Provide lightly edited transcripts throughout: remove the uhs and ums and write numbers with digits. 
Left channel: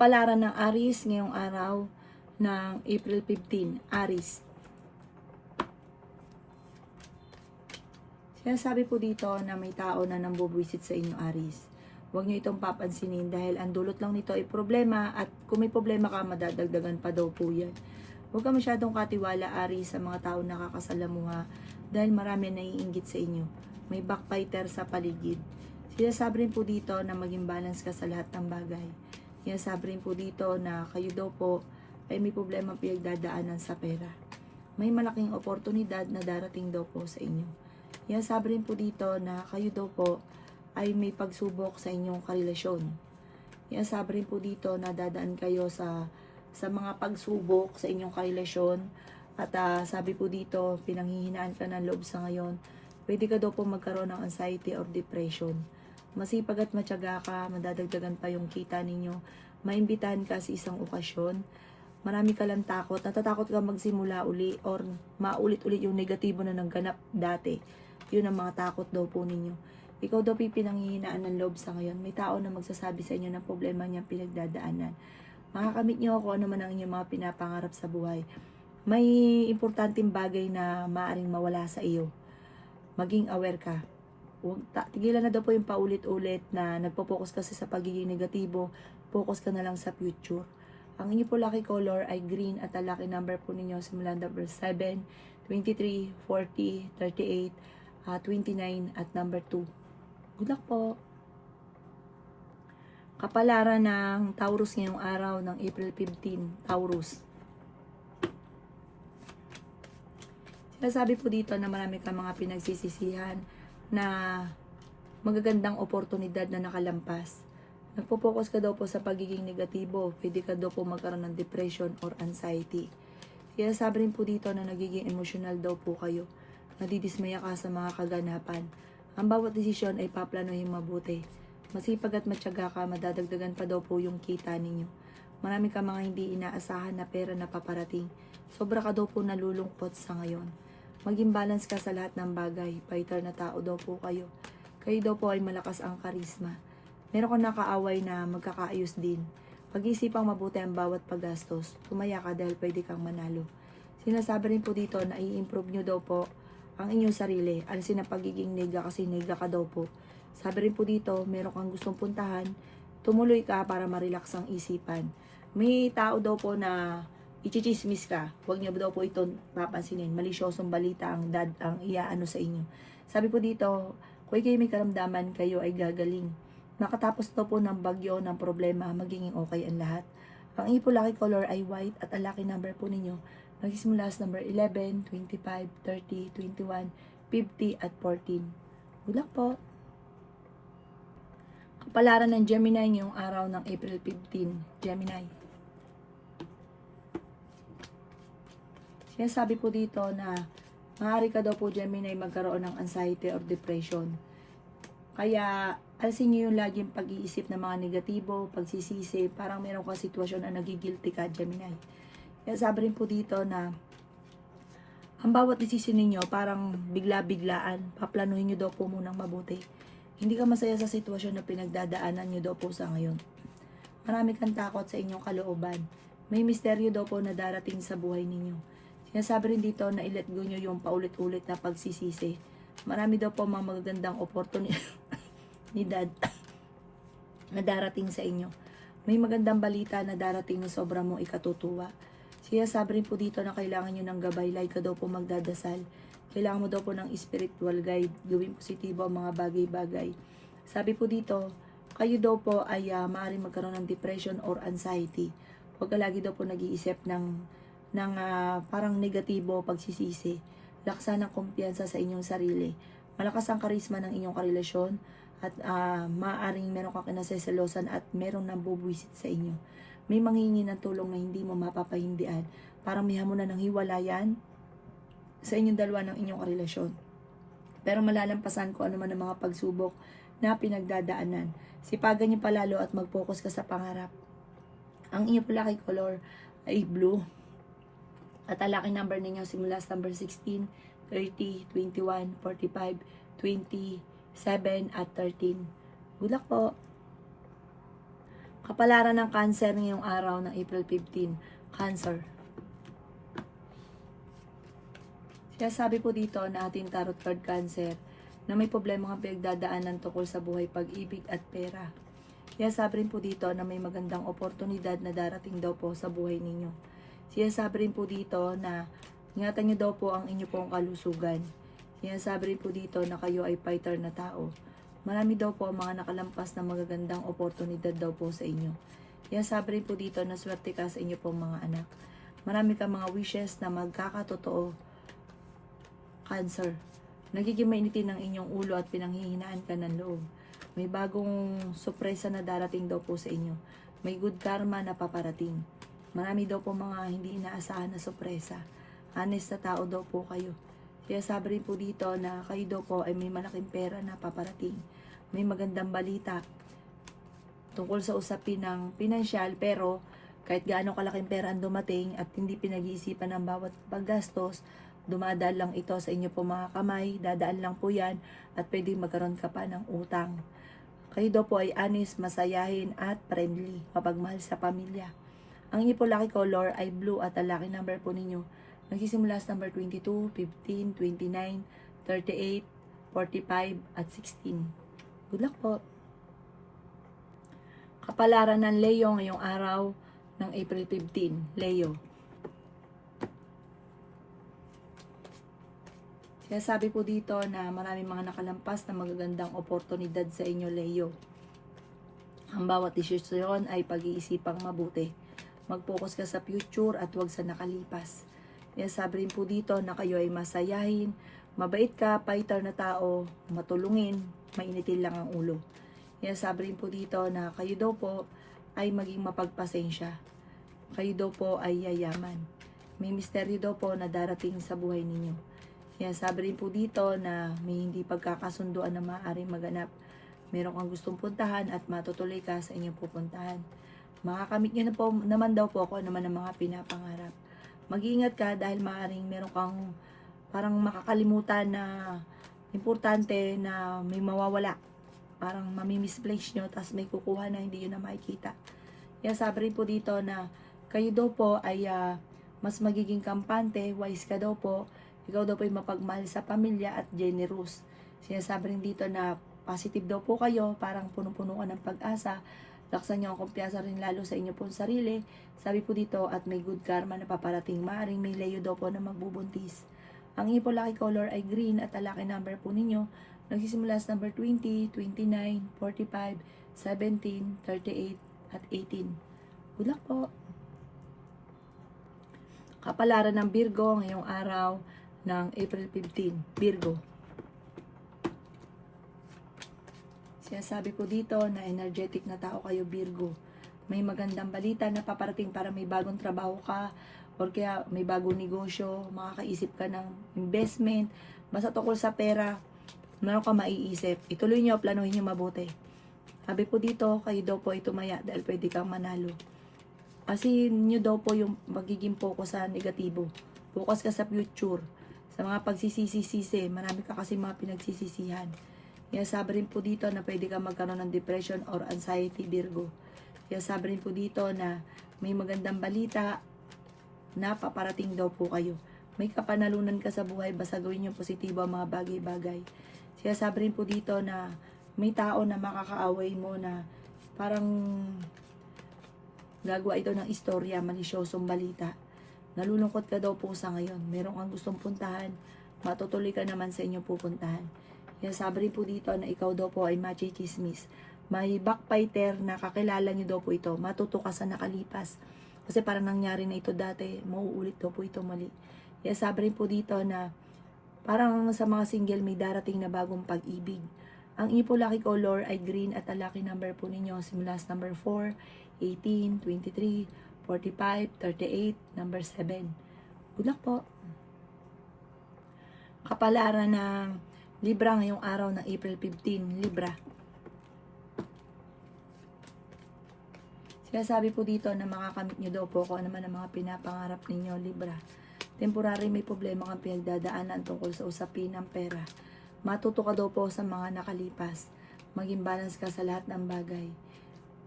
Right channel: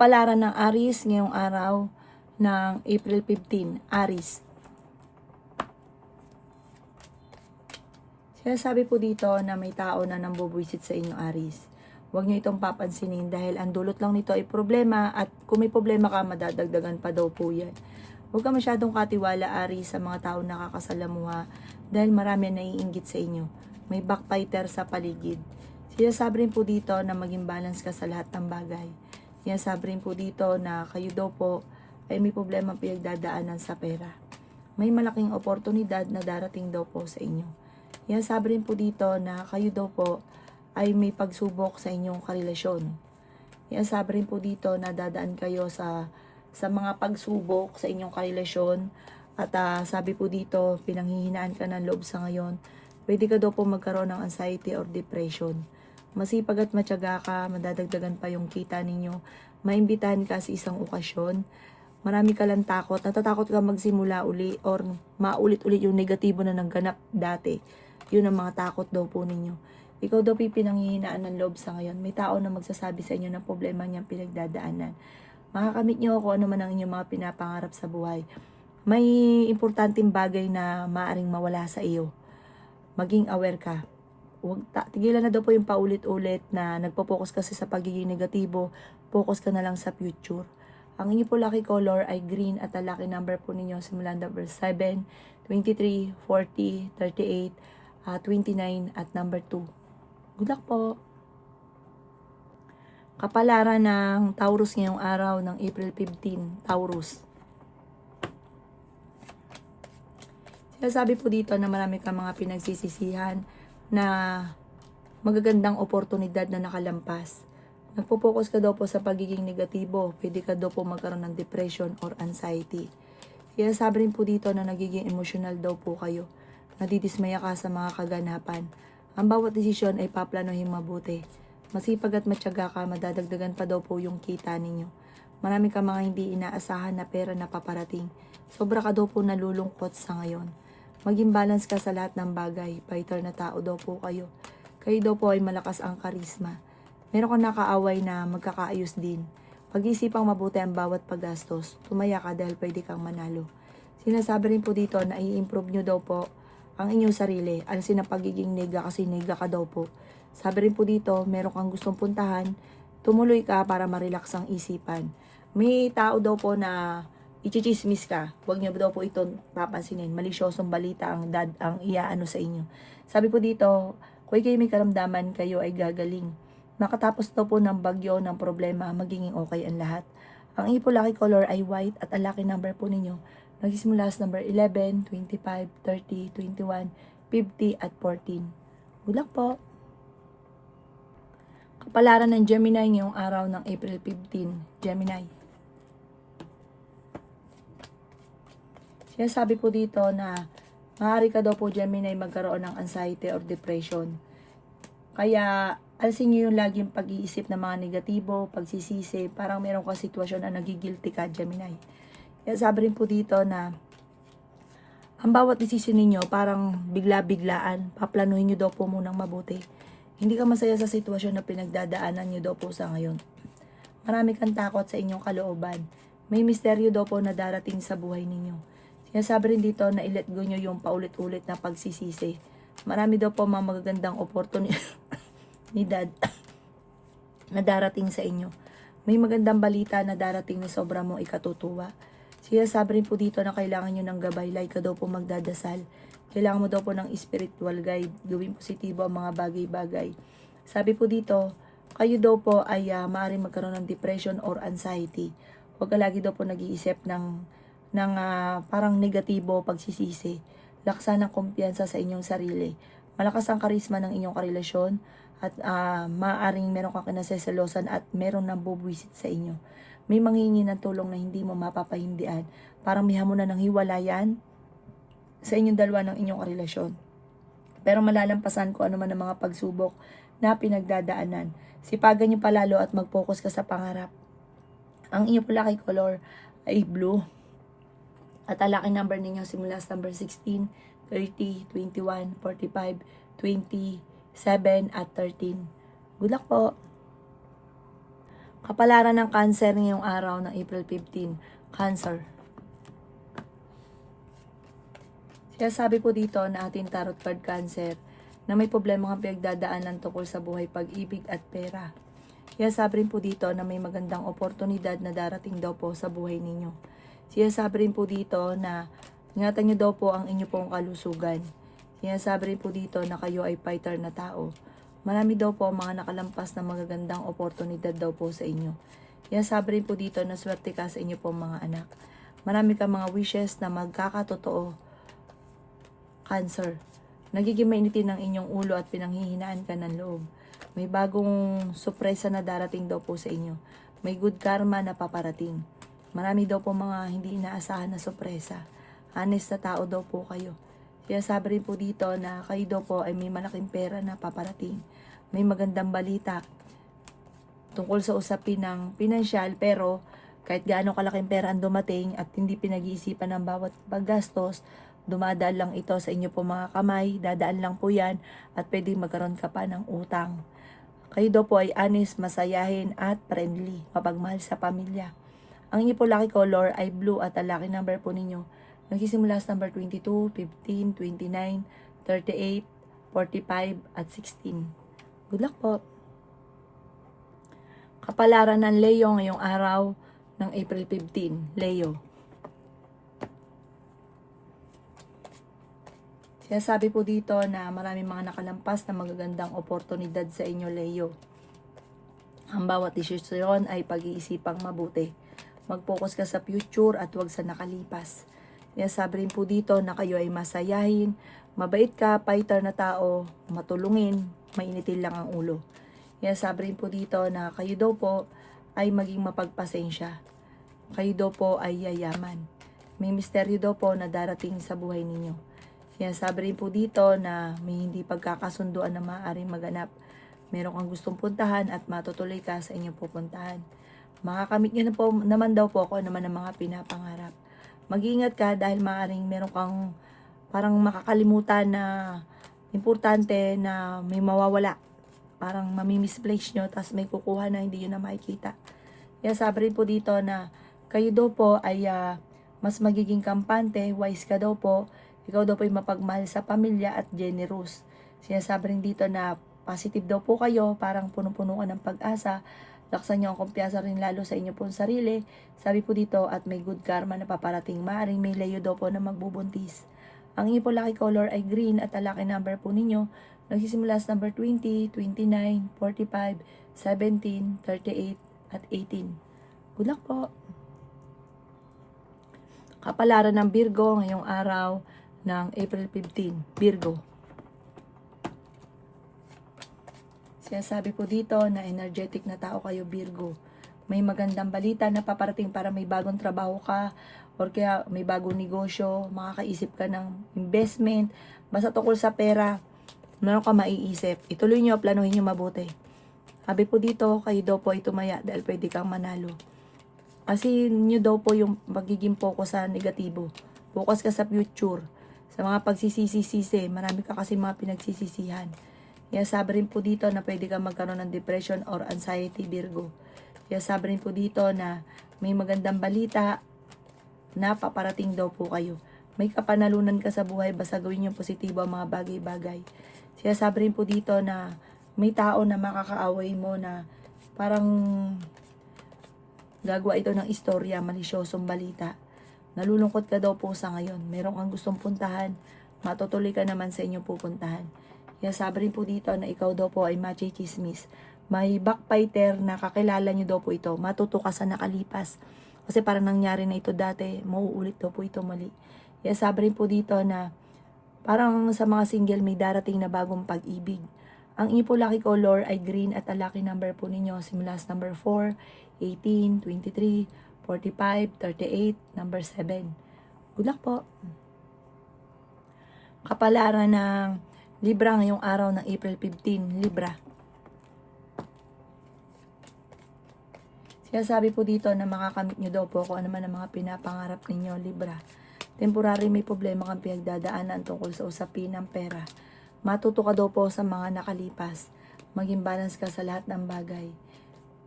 Kapalaran ng Aries ngayong araw ng April 15, Aries. Sinasabi po dito na may tao na nambubwisit sa inyo, Aries. Huwag nyo itong papansinin dahil ang dulot lang nito ay problema at kung may problema ka, madadagdagan pa daw po yan. Huwag ka masyadong katiwala, Aries, sa mga tao nakakasalamuha dahil marami naiinggit sa inyo. May backbiter sa paligid. Sinasabi rin po dito na maging balance ka sa lahat ng bagay. Sinasabi rin po dito na kayo daw po ay may problema pinagdadaanan sa pera. May malaking oportunidad na darating daw po sa inyo. Sinasabi rin po dito na kayo daw po ay may pagsubok sa inyong karelasyon. Sinasabi rin po dito na dadaan kayo sa mga pagsubok sa inyong karelasyon. At sabi po dito, pinanghihinaan ka ng loob sa ngayon. Pwede ka daw po magkaroon ng anxiety or depression. Masipag at matyaga ka, madadagdagan pa yung kita ninyo. Maimbitahan ka sa isang okasyon. Marami ka lang takot. Natatakot ka magsimula uli or maulit-ulit yung negatibo na nagganap dati. Yun ang mga takot daw po ninyo. Ikaw daw pinanghihinaan ng loob sa ngayon. May tao na magsasabi sa inyo ng problema niyang pinagdadaanan. Makakamit niyo ako ano man ang inyong mga pinapangarap sa buhay. May importanteng bagay na maaring mawala sa iyo. Maging aware ka. Tigilan na daw po yung paulit-ulit na nagpo-focus kasi sa pagiging negatibo. Focus ka na lang sa future. Ang inyo po lucky color ay green at ang lucky number po ninyo simulan number 7, 23, 40, 38, 29 at number 2. Good luck po. Kapalaran ng Taurus ngayong araw ng April 15, Taurus. Sinasabi po dito na marami kang mga pinagsisisihan na magagandang oportunidad na nakalampas. Nagpo-focus ka daw po sa pagiging negatibo. Pwede ka daw po magkaroon ng depression or anxiety. Sinasabi rin po dito na nagiging emotional daw po kayo. Nadidismaya ka sa mga kaganapan. Ang bawat desisyon ay paplanohin mabuti. Masipag at matyaga ka, madadagdagan pa daw po yung kita ninyo. Marami ka mga hindi inaasahan na pera na paparating. Sobra ka daw po nalulungkot sa ngayon. Maging balance ka sa lahat ng bagay. Fighter na tao daw po kayo. Kayo daw po ay malakas ang karisma. Meron kang nakaaway na magkakaayos din. Pag-isipang mabuti ang bawat paggastos. Tumaya ka dahil pwede kang manalo. Sinasabi rin po dito na i-improve nyo daw po ang inyong sarili. Alisin ang pagiging nega kasi nega ka daw po. Sabi rin po dito, meron kang gustong puntahan. Tumuloy ka para ma-relax ang isipan. May tao daw po na ichichismis ka. Huwag niyo daw po ito papansinin. Malisyosong balita ang iaano sa inyo. Sabi po dito, kung kayo may karamdaman, kayo ay gagaling. Makatapos daw po ng bagyo, ng problema, magiging okay ang lahat. Ang inyo po lucky color ay white at ang lucky number po ninyo nagsisimula sa number 11, 25, 30, 21, 50 at 14. Good luck po! Kapalaran ng Gemini ngayong araw ng April 15, Gemini. Sinasabi po dito na maaari ka daw po Gemini magkaroon ng anxiety or depression. Kaya alisin nyo yung laging pag-iisip ng mga negatibo, pagsisisi, parang meron ka sitwasyon na nagigilty ka Gemini. Kaya sabi rin po dito na ang bawat desisyon ninyo parang bigla-biglaan, paplanuhin nyo daw po munang mabuti. Hindi ka masaya sa sitwasyon na pinagdadaanan nyo daw po sa ngayon. Marami kang takot sa inyong kalooban. May misteryo daw po na darating sa buhay ninyo. Sinasabi rin dito na i-let go nyo yung paulit-ulit na pagsisisi. Marami daw po mga magagandang oportunidad na darating sa inyo. May magandang balita na darating na sobra mong ikatutuwa. Sinasabi rin po dito na kailangan nyo ng gabay, like ka daw po magdadasal. Kailangan mo daw po ng spiritual guide, gawing positibo ang mga bagay-bagay. Sabi po dito, kayo daw po ay maaaring magkaroon ng depression or anxiety. Huwag ka lagi daw po nag-iisip ng parang negatibo, pagsisisi. Laksan ng kumpiyansa sa inyong sarili. Malakas ang karisma ng inyong karelasyon at maaaring meron kang kinaseselosan at meron nang bubwisit sa inyo. May manghingi ng tulong na hindi mo mapapahindian. Parang may hamunan ng hiwalayan sa inyong dalawa ng inyong karelasyon. Pero malalampasan ko ano man ang mga pagsubok na pinagdadaanan. Sipagan niyo palalo at mag-focus ka sa pangarap. Ang inyong lucky color ay blue. At ang lucky number ninyo simula sa number 16, 30, 21, 45, 27 at 13. Good luck po! Kapalaran ng Cancer ngayong araw ng April 15. Cancer. Kaya sabi po dito na ating tarot card Cancer na may problema kang pinagdadaanan tungkol sa buhay, pag-ibig at pera. Kaya sabi rin po dito na may magandang oportunidad na darating daw po sa buhay ninyo. Kaya sabi rin po dito na ingatan nyo daw po ang inyo pong kalusugan. Kaya sabi rin po dito na kayo ay fighter na tao. Marami daw po ang mga nakalampas na magagandang oportunidad daw po sa inyo. Kaya sabi rin po dito na swerte ka sa inyo pong mga anak. Marami ka mga wishes na magkakatotoo. Cancer. Nagiging mainitin ang inyong ulo at pinanghihinaan ka ng loob. May bagong sorpresa na darating daw po sa inyo. May good karma na paparating. Marami daw po mga hindi inaasahan na sorpresa. Honest na tao daw po kayo. Kaya sabi rin po dito na kayo daw po ay may malaking pera na paparating. May magandang balita tungkol sa usapin ng pinansyal, pero kahit gaano kalaking pera ang dumating at hindi pinag-iisipan ng bawat paggastos, dumadaan lang ito sa inyo po mga kamay, dadaan lang po yan at pwedeng magkaroon ka pa ng utang. Kayo daw po ay honest, masayahin at friendly, mapagmahal sa pamilya. Ang inyo po lucky color ay blue at ang lucky number po ninyo nagsisimula sa number 22, 15, 29, 38, 45 at 16. Good luck po! Kapalaran ng Leo ngayong araw ng April 15. Leo. Kaya sabi po dito na maraming mga nakalampas na magagandang oportunidad sa inyo, Leo. Ang bawat desisyon ay pag-iisipang mabuti. Mag-focus ka sa future at huwag sa nakalipas. Kaya sabi rin po dito na kayo ay masayahin, mabait ka, fighter na tao, matulungin, mainitin lang ang ulo. Kaya sabi rin po dito na kayo daw po ay maging mapagpasensya. Kayo daw po ay yayaman. May misteryo daw po na darating sa buhay ninyo. Kaya sabi rin po dito na may hindi pagkakasunduan na maaaring maganap. Meron kang gustong puntahan at matutuloy ka sa inyong pupuntahan. Makakamit nyo na po, naman daw po kung ano man ang mga pinapangarap. Mag-iingat ka dahil maaaring meron kang parang makakalimutan na importante na may mawawala. Parang mamimisplace nyo, tapos may kukuha na hindi nyo na makikita. Kaya sabi rin po dito na kayo daw po ay mas magiging kampante, wise ka daw po, ikaw daw po ay mapagmahal sa pamilya at generous. Sinasabi rin dito na positive daw po kayo, parang punong-puno ka ng pag-asa, laksan nyo ang kumpiyansa rin lalo sa inyo pong sarili. Sabi po dito at may good karma na paparating. Maaring may Leo daw po na magbubuntis. Ang inyo po lucky color ay green at ang lucky number po ninyo nagsisimula sa number 20, 29, 45, 17, 38 at 18. Good luck po! Kapalaran ng Virgo ngayong araw ng April 15. Virgo. Sabi po dito na energetic na tao kayo, Virgo. May magandang balita na paparating para may bagong trabaho ka or kaya may bagong negosyo, makakaisip ka ng investment, basta tungkol sa pera, meron ka maiisip. Ituloy nyo, planuhin nyo mabuti. Sabi po dito, kayo daw po ay tumaya dahil pwede kang manalo. Kasi nyo daw po yung magiging focus sa negatibo. Focus ka sa future. Sa mga pagsisisi-sisi, marami ka kasi mga pinagsisisihan. Kaya sabi rin po dito na pwede kang magkaroon ng depression or anxiety, Virgo. Kaya sabi rin po dito na may magandang balita na paparating daw po kayo. May kapanalunan ka sa buhay, basta gawin yung positibo ang mga bagay-bagay. Kaya sabi rin po dito na may tao na makakaaway mo na parang gagawa ito ng istorya, malisyosong balita. Nalulungkot ka daw po sa ngayon. Meron kang gustong puntahan, matutuloy ka naman sa inyong pupuntahan. Kaya sabi rin po dito na ikaw daw po ay machichismis. May backbiter na kakilala nyo daw po ito. Matuto ka sa nakalipas. Kasi parang nangyari na ito dati, mauulit daw po ito muli. Kaya sabi rin po dito na parang sa mga single may darating na bagong pag-ibig. Ang inyo po lucky color ay green at ang lucky number po ninyo simula sa number 4, 18, 23, 45, 38, number 7. Good luck po! Kapalaran ng Libra ngayong araw ng April 15, Libra. Sabi po dito na makakamit nyo daw po kung ano man ang mga pinapangarap ninyo, Libra. Temporary may problema kang pinagdadaanan tungkol sa usapin ng pera. Matuto ka daw po sa mga nakalipas. Maging balance ka sa lahat ng bagay.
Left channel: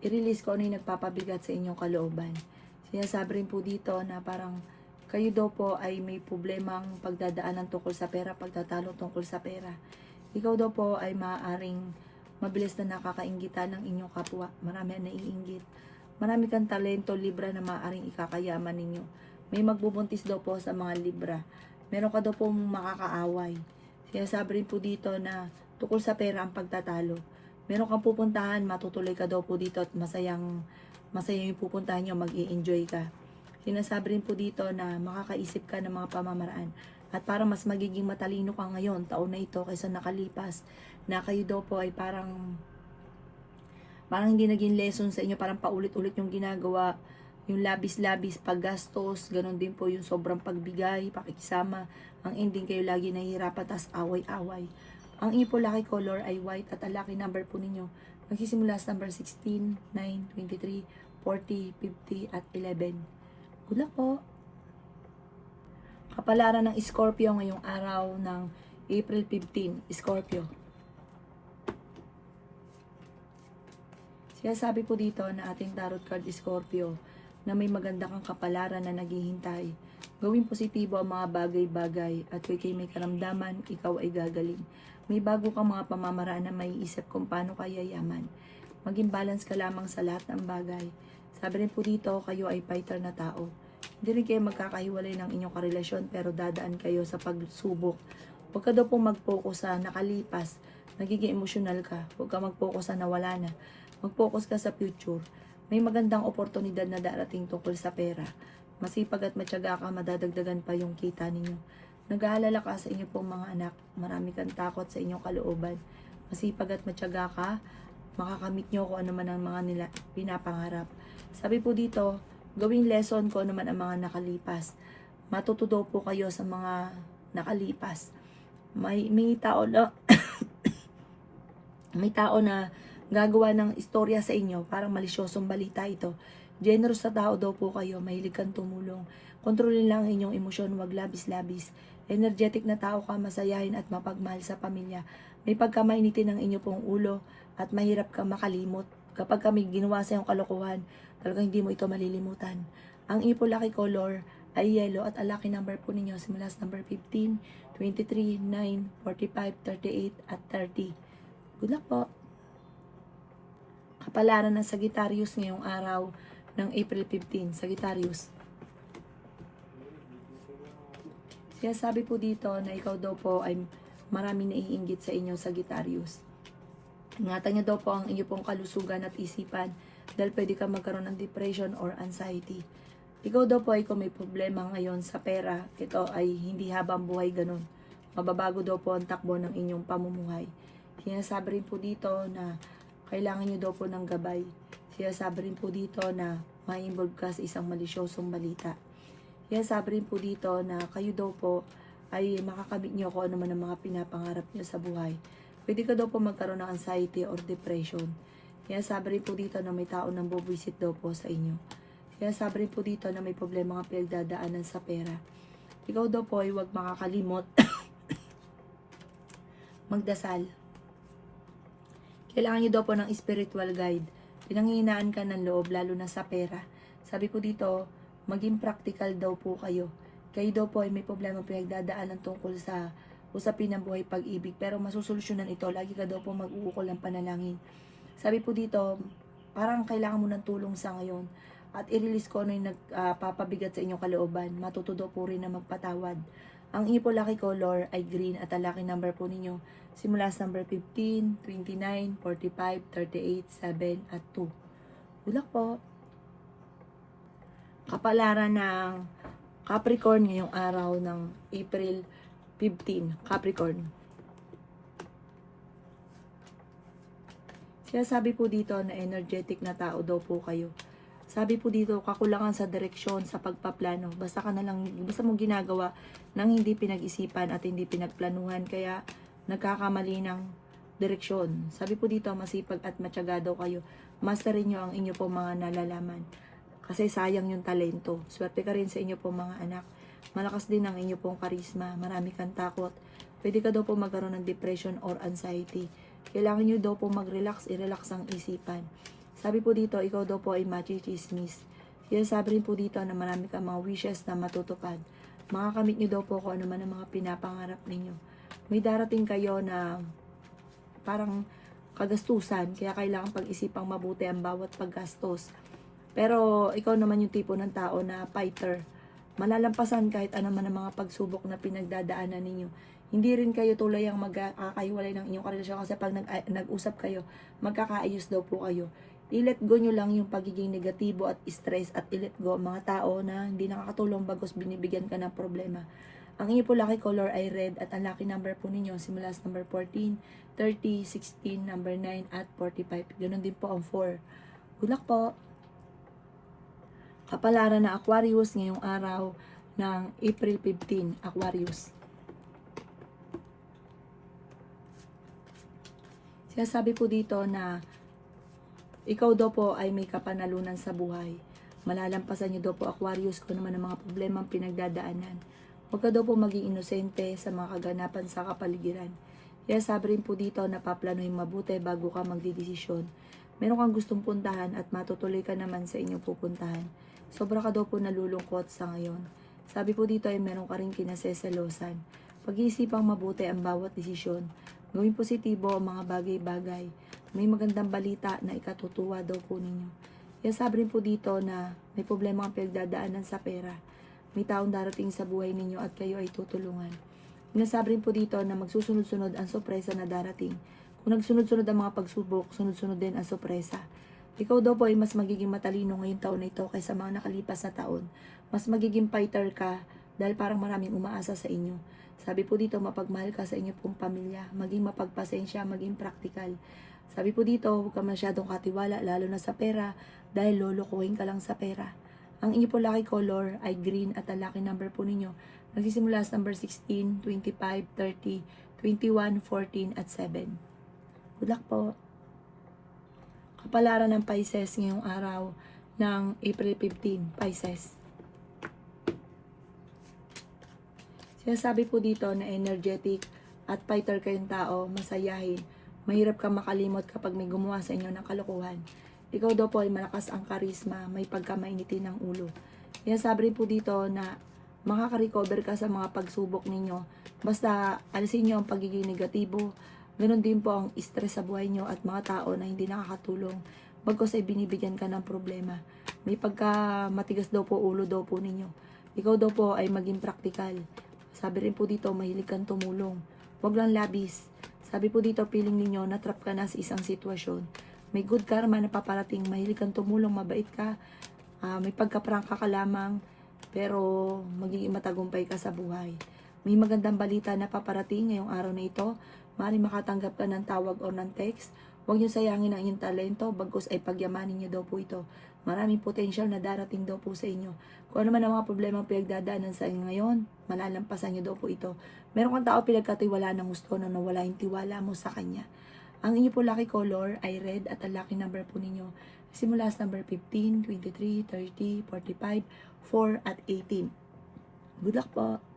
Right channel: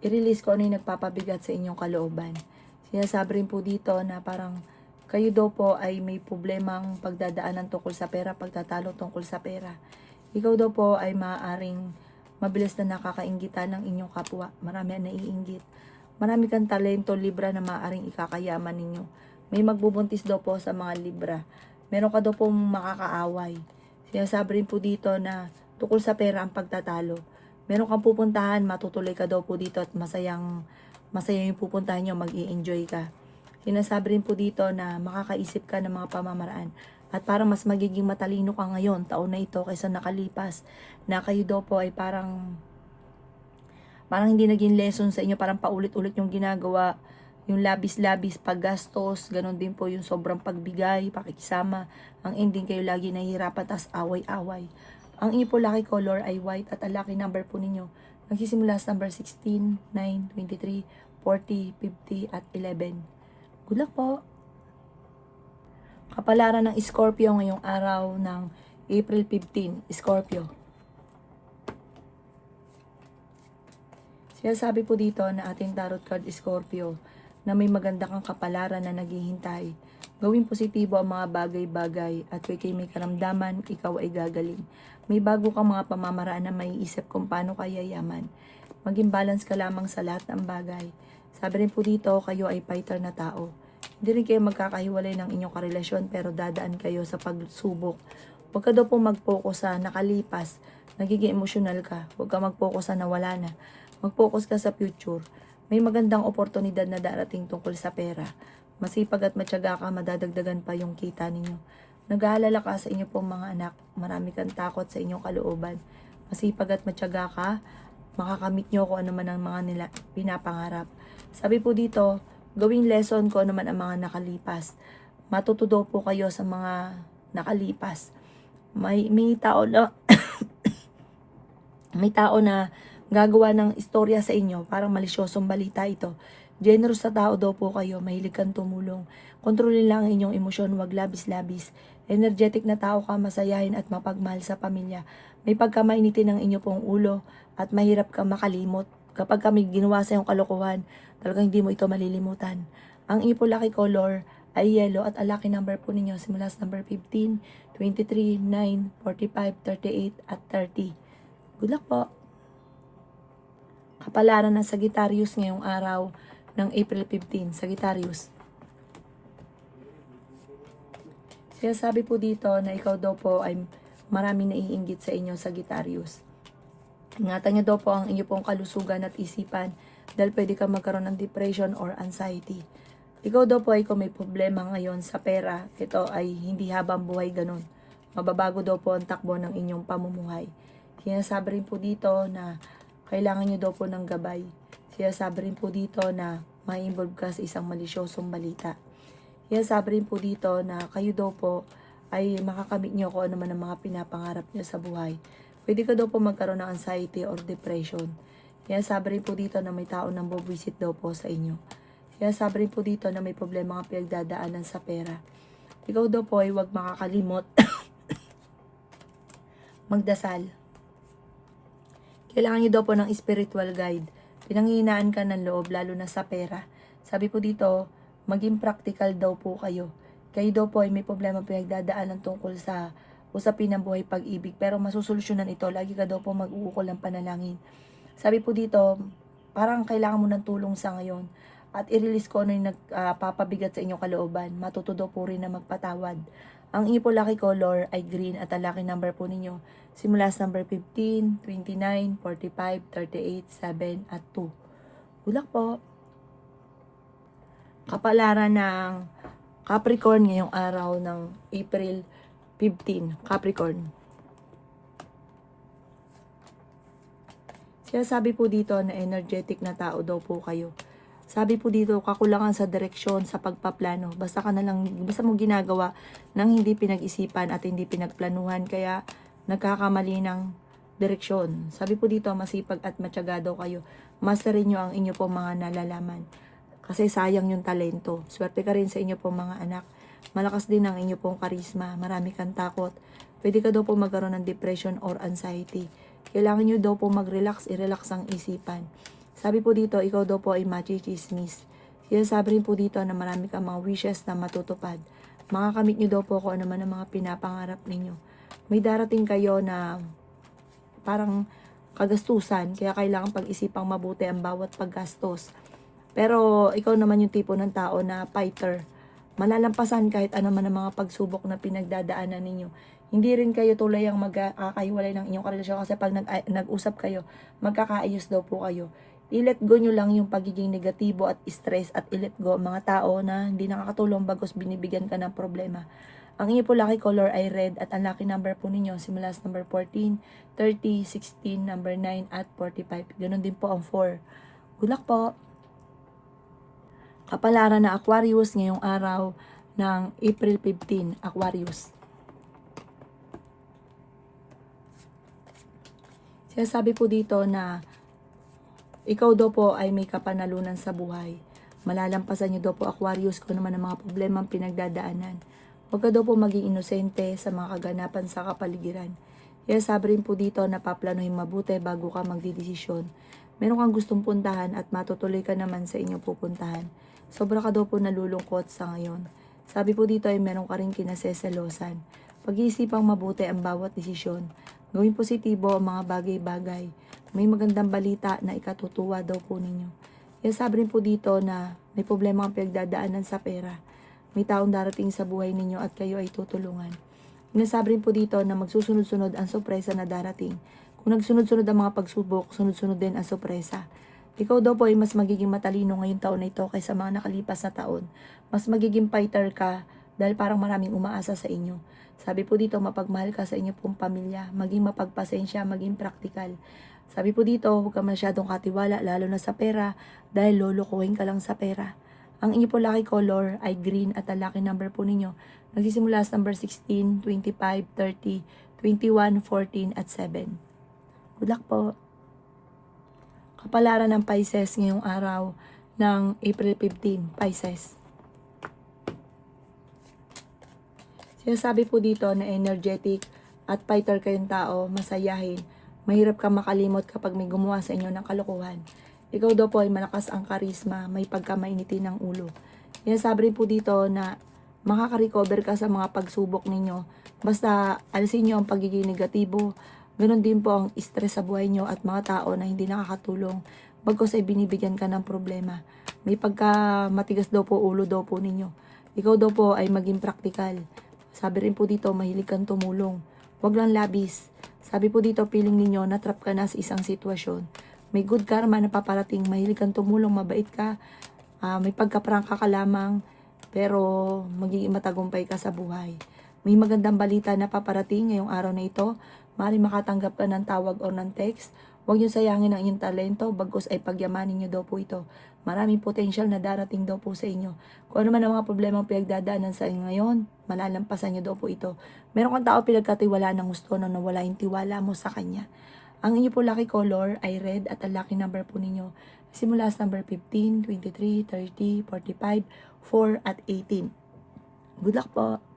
i-release ko ano yung nagpapabigat sa inyong kalooban. Sinasabi rin po dito na parang kayo daw po ay may problemang pagdadaanan tungkol sa pera, pagtatalo tungkol sa pera. Ikaw daw po ay maaaring mabilis na nakakainggitan ng inyong kapwa. Marami ang naiinggit. Marami kang talento, Libra, na maaaring ikakayaman ninyo. May magbubuntis daw po sa mga Libra. Meron ka daw pong makakaaway. Sinasabi rin po dito na tungkol sa pera ang pagtatalo. Meron kang pupuntahan, matutuloy ka daw po dito at masaya yung pupuntahan nyo, mag-i-enjoy ka. Sinasabi rin po dito na makakaisip ka ng mga pamamaraan at parang mas magiging matalino ka ngayon, taon na ito, kaysa nakalipas, na kayo daw po ay parang hindi naging lesson sa inyo, parang paulit-ulit yung ginagawa, yung labis-labis paggastos, ganun din po yung sobrang pagbigay, pakikisama, ang ending kayo lagi nahihirapan, tas away-away. Ang inyo po lucky color ay white at ang lucky number po ninyo nagsisimula sa number 16, 9, 23, 40, 50 at 11. Good luck po! Kapalaran ng Scorpio ngayong araw ng April 15, Scorpio. Sinasabi po dito na ating tarot card Scorpio na may maganda kang kapalaran na naghihintay. Gawing positibo ang mga bagay-bagay at kay may karamdaman, ikaw ay gagaling. May bago kang mga pamamaraan na may isip kung paano kaya yaman. Maging balance ka lamang sa lahat ng bagay. Sabi rin po dito, kayo ay fighter na tao. Hindi rin kayo magkakahiwalay ng inyong karelasyon pero dadaan kayo sa pagsubok. Huwag ka daw po mag-focus sa nakalipas, nagiging emosyonal ka. Huwag ka mag-focus sa nawala na. Mag-focus ka sa future. May magandang oportunidad na darating tungkol sa pera. Masipag at matyaga ka, madadagdagan pa yung kita ninyo. Nag-aalala ka sa inyo pong mga anak. Marami kang takot sa inyong kalooban. Masipag at matyaga ka, makakamit nyo kung ano man ang mga nila pinapangarap. Sabi po dito, gawing lesson ko ano man ang mga nakalipas. Matututo po kayo sa mga nakalipas. May tao na may tao na gagawa ng istorya sa inyo, parang malisyosong balita ito. Generous sa tao daw po kayo, mahilig kang tumulong. Kontrolin lang ang inyong emosyon, wag labis-labis. Energetic na tao ka, masayahin at mapagmahal sa pamilya. May pagkamainitin ng inyo pong ulo at mahirap kang makalimot. Kapag kami ginawa sa iyong kalokohan, talagang hindi mo ito malilimutan. Ang inyo po lucky color ay yellow at ang lucky number po ninyo simula sa number 15, 23, 9, 45, 38 at 30. Good luck po! Kapalaran ng Sagittarius ngayong araw ng April 15, Sagittarius. Sinasabi po dito na ikaw daw po ay maraming naiinggit sa inyo, Sagittarius. Ingatan nyo daw po ang inyo pong kalusugan at isipan dahil pwede kang magkaroon ng depression or anxiety. Ikaw daw po ay kung may problema ngayon sa pera, ito ay hindi habang buhay ganun. Mababago daw po ang takbo ng inyong pamumuhay. Sinasabi rin po dito na kailangan nyo daw po ng gabay. Sinasabi rin po dito na ma-involve ka sa isang malisyosong balita. Sinasabi rin po dito na kayo daw po ay makakamit nyo kung ano man ang mga pinapangarap nyo sa buhay. Pwede ka daw po magkaroon ng anxiety or depression. Sinasabi rin po dito na may tao nang buwisit daw po sa inyo. Sinasabi rin po dito na may problema ang pinagdadaanan sa pera. Ikaw daw po ay huwag makakalimot magdasal. Kailangan nyo daw po ng spiritual guide. Pinanghihinaan ka ng loob, lalo na sa pera. Sabi po dito, maging practical daw po kayo. Kayo daw po ay may problema pinagdadaanan tungkol sa usapin ng buhay pag-ibig. Pero masusolusyonan ito, lagi ka daw po mag-uukol ng panalangin. Sabi po dito, parang kailangan mo ng tulong sa ngayon. At i-release ko ano yung nagpapabigat sa inyong kalooban. Matuto daw po rin na magpatawad. Ang inyo po lucky color ay green at ang lucky number po ninyo simula sa number 15, 29, 45, 38, 7 at 2. Good luck po! Kapalaran ng Capricorn ngayong araw ng April 15, Capricorn. Sinasabi po dito na energetic na tao daw po kayo. Sabi po dito, kakulangan sa direksyon, sa pagpaplano. Basta mo ginagawa nang hindi pinag-isipan at hindi pinagplanuhan, kaya nagkakamali ng direksyon. Sabi po dito, masipag at matyaga daw kayo. Masterin nyo ang inyo pong mga nalalaman. Kasi sayang yung talento. Swerte ka rin sa inyo pong mga anak. Malakas din ang inyo pong karisma. Marami kang takot. Pwede ka daw po magkaroon ng depression or anxiety. Kailangan nyo daw po mag-relax, i-relax ang isipan. Sabi po dito, ikaw daw po ay machismis. Sinasabi rin po dito na marami kang mga wishes na matutupad. Makakamit nyo daw po kung ano man ang mga pinapangarap ninyo. May darating kayo na parang kagastusan, kaya kailangan pag-isipang mabuti ang bawat paggastos. Pero ikaw naman yung tipo ng tao na fighter. Malalampasan kahit ano man ang mga pagsubok na pinagdadaanan ninyo. Hindi rin kayo tulay ang magkakahiwalay ng inyong karelasyon kasi pag nag-usap kayo, magkakaayos daw po kayo. I-let go nyo lang yung pagiging negatibo at stress at i-let go ang mga tao na hindi nakakatulong bagos binibigyan ka ng problema. Ang inyo po lucky color ay red at ang lucky number po ninyo simula sa number 14, 30, 16, number 9 at 45. Ganun din po ang 4. Good luck po! Kapalaran na Aquarius ngayong araw ng April 15, Aquarius. Sinasabi po dito na ikaw daw po ay may kapanalunan sa buhay. Malalampasan niyo daw po Aquarius kung naman ang mga problema ang pinagdadaanan. Huwag ka daw po maging inosente sa mga kaganapan sa kapaligiran. Kaya sabi rin po dito na paplanuhin mabuti bago ka magdidesisyon. Meron kang gustong puntahan at matutuloy ka naman sa inyong pupuntahan. Sobra ka daw po nalulungkot sa ngayon. Sabi po dito ay meron ka rin kinaseselosan. Pag-iisipang mabuti ang bawat desisyon. Gawing positibo ang mga bagay-bagay. May magandang balita na ikatutuwa daw po ninyo. Kaya sabi rin po dito na may problema ang pinagdadaanan sa pera. May taong darating sa buhay ninyo at kayo ay tutulungan. Sinasabi rin po dito na magsusunod-sunod ang sorpresa na darating. Kung nagsunod-sunod ang mga pagsubok, sunod-sunod din ang sorpresa. Ikaw daw po ay mas magiging matalino ngayong taon na ito kaysa mga nakalipas na taon. Mas magiging fighter ka dahil parang maraming umaasa sa inyo. Sabi po dito, mapagmahal ka sa inyo pong pamilya, maging mapagpasensya, maging praktikal. Sabi po dito, huwag ka masyadong katiwala, lalo na sa pera, dahil lulukuhin ka lang sa pera. Ang inyo po lucky color ay green at ang lucky number po ninyo nagsisimula sa number 16, 25, 30, 21, 14 at 7. Good luck po! Kapalaran ng Pisces ngayong araw ng April 15, Pisces. Sinasabi po dito na energetic at fighter kayong tao, masayahin. Mahirap kang makalimot kapag may gumawa sa inyo ng kalokohan. Ikaw daw po ay malakas ang karisma, may pagkamainitin ng ulo. Sinasabi rin po dito na makaka-recover ka sa mga pagsubok ninyo. Basta alisin nyo ang pagiging negatibo. Ganon din po ang stress sa buhay nyo at mga tao na hindi nakakatulong. Bagkus ay binibigyan ka ng problema. May pagka matigas daw po ulo daw po ninyo. Ikaw daw po ay maging praktikal. Sabi rin po dito, mahilig kang tumulong. Huwag lang labis. Sabi po dito, feeling ninyo, natrap ka na sa isang sitwasyon. May good karma na paparating, mahilig kang tumulong, mabait ka, may pagkaprangka ka lamang, pero magiging matagumpay ka sa buhay. May magandang balita na paparating ngayong araw na ito. Maaaring makatanggap ka ng tawag o ng text. Huwag niyo sayangin ang inyong talento, bagkus ay pagyamanin niyo daw po ito. Maraming potential na darating daw po sa inyo. Kung ano man ang mga problema ang pinagdadaanan sa inyo ngayon, malalampasan niyo daw po ito. Meron kang tao pinagkatiwalaan ng gusto na nawala yung tiwala mo sa kanya. Ang inyo po lucky color ay red at ang lucky number po ninyo simula sa number 15, 23, 30, 45, 4 at 18. Good luck po!